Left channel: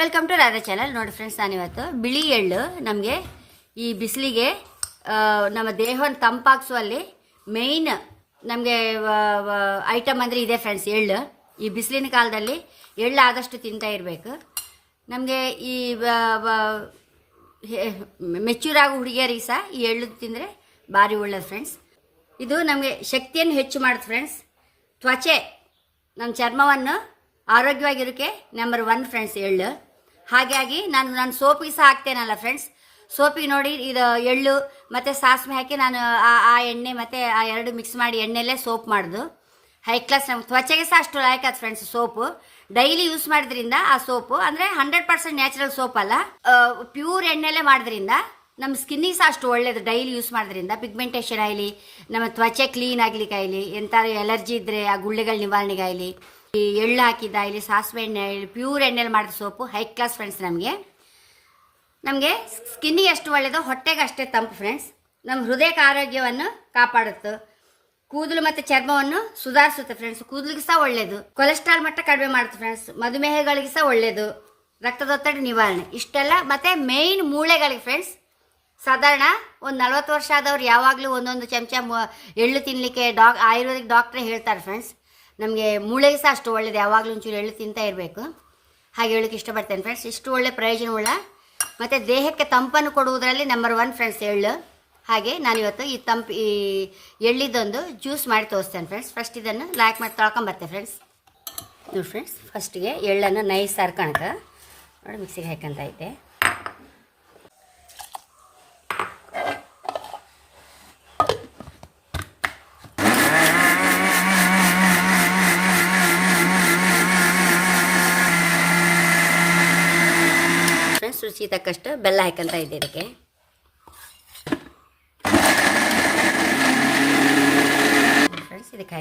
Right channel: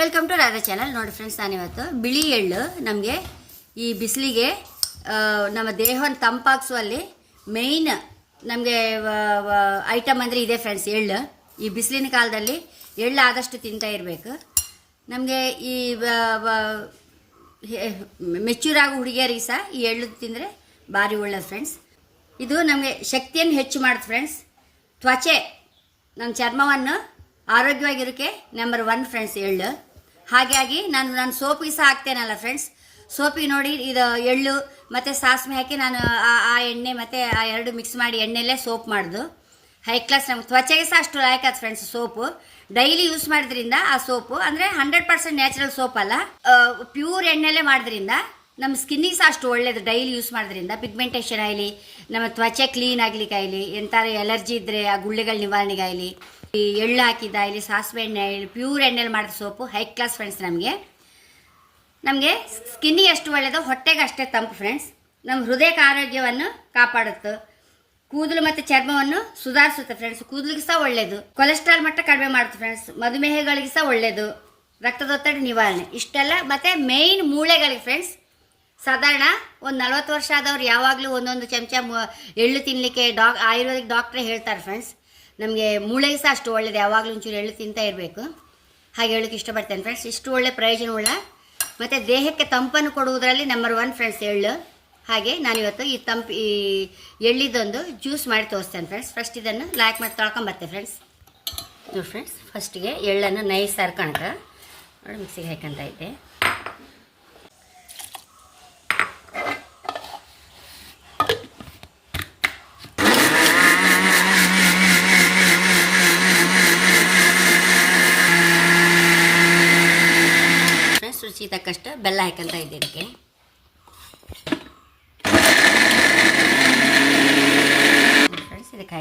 Welcome to Radha channel ನೋಡಿ friends ನಾನಿವತ್ತು ಬಿಳಿ ಎಳ್ಳು ನಮಗೆ ಈ ಬಿಸಿಲಿಗೆ ನಮ್ಮ ದೇಹವನ್ನು ತಂಪಾಗಿಸುವಲ್ಲಿ ಮೇಯ್ನ್ ನಮಗೆ ಐಟಮ್ ಅಂದರೆ ಇದೆ ಫ್ರೆಂಡ್ಸ್ ಎಳ್ಳು. ಈ ಬಿಸಿಲಿನ ಕಾಲದಲ್ಲಿ ಎಳ್ಳು ಆದಷ್ಟು ತಿಂತಾ ಇರಬೇಕು. ನಮಗೆ ಈ ಮೆಚ್ಯೂರ್ ಆಗೋ ಹುಡುಗಿಯರಿಗೆ ಸಹ ಈ ಎಳ್ಳು ತಿಂದರೆ ಭಾರಿ ಒಳ್ಳೆಯದು ಫ್ರೆಂಡ್ಸ್ ಇದು ನಮಗೆ ಶಕ್ತಿಯನ್ನು ಹೆಚ್ಚು ಮಾಡುತ್ತೆ ಫ್ರೆಂಡ್ಸ್ ತ್ವಚೆ ನಮ್ಮ ಚರ್ಮವನ್ನು ಆರೋಗ್ಯವಾಗಿರೋಕ್ಕೆ ನಂಬರ್ ಒನ್ ಫ್ರೆಂಡ್ಸ್ ಎಳ್ಳು. ಹಾಗಾಗಿ ನಾನು ನಾನು ಸೋಪಿಗೆ ಸಹ ಹಾಕ್ತೇನಲ್ಲ ಫ್ರೆಂಡ್ಸ್ ಸೋಪಿಗೆ ನೋಡಿ, ಇದು ಎಳ್ಳು ಮತ್ತು ಸಾಸಿವೆ ಹಾಕಿ ನಾನು ಆ ಆ ಎಣ್ಣೆ ಮತ್ತು ಆ ಎರಡು ಮಿಕ್ಸ್ ಮಾಡಿ ಎಣ್ಣೆಲ್ಲೇ ಸೋಪ್ ಮಾಡೋದು. ಹೈ ಕ್ಲಾಸ್ ನಮ್ಮ ತ್ವಚೆಗೆ ಸಹ ಅಷ್ಟು ಲಾಯಕಾತ್ ಫ್ರೆಂಡ್ಸ್ ಸೋಪು. ಡೈಲಿ ಯೂಸ್ ಮಾಡೋದ್ರಿಂದ ಆ ಸೋಪು, ಅಂದರೆ ಹಂಡ್ರೆಡ್ ಪರ್ಸೆಂಟ್ ನ್ಯಾಚುರಲ್ ಸೋಪ್ ಅಲ್ಲ. ಪ್ಯೂರ್ ಎಣ್ಣೆಲ್ಲೇ ಮಾಡೋದ್ರಿಂದ ನಮ್ಮ ಸ್ಕಿನ್ನಿಗೆ ಸಹ ಅಷ್ಟು ಒಳ್ಳೇದು ಡೈಲಿ ಯೂಸ್ ಮಾಡೋದ್ರಿಂದ. ಪಿಗ್ಮೆಂಟೇಷನ್ ಆಗಲಿ, ನಮ್ಮ ತ್ವಚೆ ಕ್ಲೀನ್ ಆಗಲಿಕ್ಕಾಗಲಿ ಎಂಥ ಎಲರ್ಜಿ ಇದ್ದರೆ ಆ ಗುಳ್ಳೆಗಳ ನಿವಾರಣೆಗೆ ಆಗಲಿ ಈ ಎಳ್ಳು ಇಲ್ಲಿ ಸಾಸಿವೆ ಎಣ್ಣೆ ಪ್ಯೂರ್ ಎಣ್ಣೆಲಿ ಮಾಡಿದ ಸೋಪು ಹೈ ಕ್ಲಾಸ್ ಫ್ರೆಂಡ್ಸ್ ನಮಗೆ. ನಮಗೆ ಸ್ಕಿನ್ನಿಗೆ ಎಷ್ಟು ಒಳ್ಳೆಯದು ಹೊಟ್ಟೆಗೆ ಅಷ್ಟೇ ತಂಪು ಫ್ರೆಂಡ್ಸ್ ನಮ್ಮ ಹೃದಯಕ್ಕೆ ಆರೋಗ್ಯವನ್ನು ಕಾಪಾಡುತ್ತೆ. ಕೂದಲು ಮತ್ತು ಚರ್ಮವನ್ನು ಸುಧಾರಿಸುತ್ತೆ ಫ್ರೆಂಡ್ಸ್ ಕೂದಲಿಗೆ ಸಹ ಒಳ್ಳೆಯದು ಕೊಲೆಸ್ಟ್ರಾಲ್ ಮಟ್ಟ ಕಡಿಮೆ ಮಾಡುತ್ತೆ ಫ್ರೆಂಡ್ಸ್ ಮಧುಮೇಹಗಳಿಗೆ ಸಹ ಒಳ್ಳೆಯದು ರಕ್ತದೊತ್ತಡ ನಿವಾರಣೆ. ಇಷ್ಟೆಲ್ಲ ಮತ್ತು ಮೇಯ್ನ್ ಮೂಳೆಗಳಿಗೆ ಫ್ರೆಂಡ್ಸ್ ಸಾಧಾರಣ ಒಂದು ನಲ್ವತ್ತು ವರ್ಷ ಆದವ್ರು ಯಾವಾಗಲೂ ಒಂದೊಂದು ಚಮಚ ಎಳ್ಳು ತಿನ್ನಲಿಕ್ಕೆ ಡಾಕ್ ಆಯುರ್ವೇದಿಕ್ ಡಾಕ್ಟ್ರೇ ಹೇಳ್ತಾರೆ ಫ್ರೆಂಡ್ಸ್ ನಮಗೆ ಮೂಳೆ ಸಹ ಅಷ್ಟು ಒಳ್ಳೇದು, ಯಾವಾಗಲೂ ಒಂಚೂರು ಎಳ್ಳು ತಿಂತಾ ಇರಬೇಕು. ಹಾಗೆ ಹೇಳಕ್ಕೆ ಇಷ್ಟಪಡ್ತೇನೆ ಫ್ರೆಂಡ್ಸ್ ಇಷ್ಟು ಒಳ್ಳೆ ಪ್ರಯೋಜನವುಳ್ಳ, ಮತ್ತು ದೇಹಕ್ಕೆ ತಂಪನ್ನು ಕೊಡುವುದರಲ್ಲಿ ನಂಬರ್ ಒನ್ ಫ್ರೆಂಡ್ಸ್ ಎಳ್ಳು. ಹಾಗೆ ನಾನು ಇವತ್ತು ಈ ತಂಪು, ಈ ಎಳ್ಳಿದೊಂದು ಜ್ಯೂಸ್ ಮಾಡಿ ತೋರಿಸ್ತೇನೆ ಫ್ರೆಂಡ್ಸ್ ಫಸ್ಟ್ ಇದನ್ನು ಲಾಕ್ ಮಾಡಿ ತೊಳ್ಕೊಂಬರ್ತೆ ಫ್ರೆಂಡ್ಸ್ ನೋಡಿ ಫ್ರೆಂಡ್ಸ್ ಫಸ್ಟಿಗೆ ಎಳ್ಳನ್ನು ನೈಸ್ ಸರ್ಕೊಂಡ್ರೆ ನೋಡಿ ಮಿಕ್ಸಿಗೆ ಹಾಕಂತ ಐತೆ. ತಕ್ಕಷ್ಟು ಬೆಲ್ಲ ಹಾಕಂತ ಇದ್ದೆ ಇದಕ್ಕೆ. ಫ್ರೆಂಡ್ಸ್ ಇದಕ್ಕೆ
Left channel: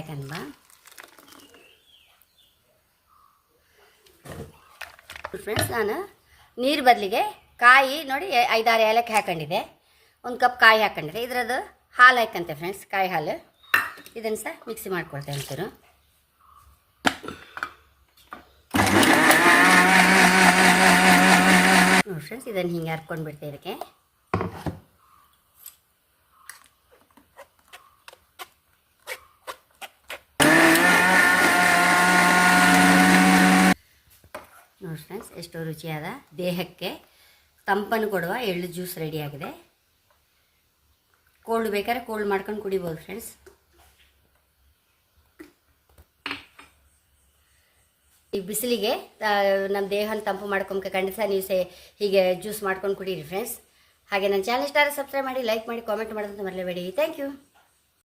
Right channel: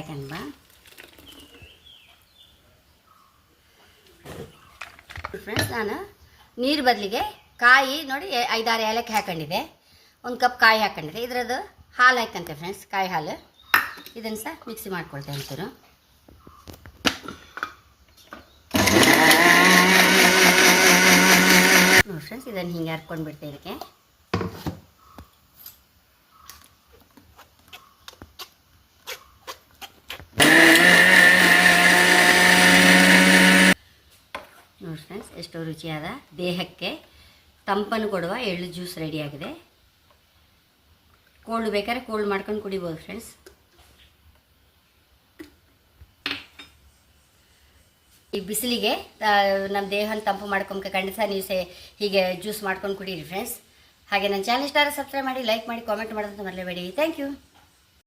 ಫ್ರೆಂಡ್ಸ್, ನಾನು ನೀರು ಬದಲಿಗೆ ಕಾಯಿ ನೋಡಿ ಐದಾರು ಏಲಕ್ಕಿ ಹಾಕೊಂಡಿದ್ದೆ. ಒಂದು ಕಪ್ ಕಾಯಿ ಹಾಕೊಂಡಿದ್ದೆ. ಇದರದ್ದು ಹಾಲು ಹಾಕಂತೆ ಫ್ರೆಂಡ್ಸ್, ಕಾಯಿ ಹಾಲು. ಇದನ್ನು ಸಹ ಮಿಕ್ಸಿ ಮಾಡ್ಕೊಳ್ತೇವೆ ಒಂಚೂರು ನೋಡಿ ಫ್ರೆಂಡ್ಸ್ ಇದನ್ನು ಹಿಂಗೆ ಹರ್ಕೊಂಡು ಬಿಡ್ತೆ ಇದಕ್ಕೆ. ನೋಡಿ ಫ್ರೆಂಡ್ಸ್ ಎಷ್ಟು ರುಚಿಯಾದ ದೇಹಕ್ಕೆ ತಂಪನ್ನು ಕೊಡುವ ಎಳ್ಳು ಜ್ಯೂಸ್ ರೆಡಿಯಾಗಿದೆ ಕೋಲ್ಡ್ ಬೇಕಾದ್ರೆ ಕೋಲ್ಡ್ ಮಾಡ್ಕೊಂಡು ಕುಡಿಬೋದು ಫ್ರೆಂಡ್ಸ್ ಈ ಬಿಸಿಲಿಗೆ ನಮ್ಮ ದೇಹನ ತಂಪು ಮಾಡ್ಕೊಂಬ ಖಂಡಿತ ನೀವು ಸೇ ಹೀಗೆ ಜ್ಯೂಸ್ ಮಾಡ್ಕೊಂಡು ಕುಡೀರಿ ಫ್ರೆಂಡ್ಸ್ ಹಾಗೆ ನನ್ನ ಚಾನಲ್ ಇಷ್ಟ ಸಬ್ಸ್ಕ್ರೈಬ್ ಮಾಡಿ ಲೈಕ್ ಮಾಡಿ ಕಾಮೆಂಟ್ ಮಾಡೋದಂತ ಮರಲೇಬೇಡಿ. Thank you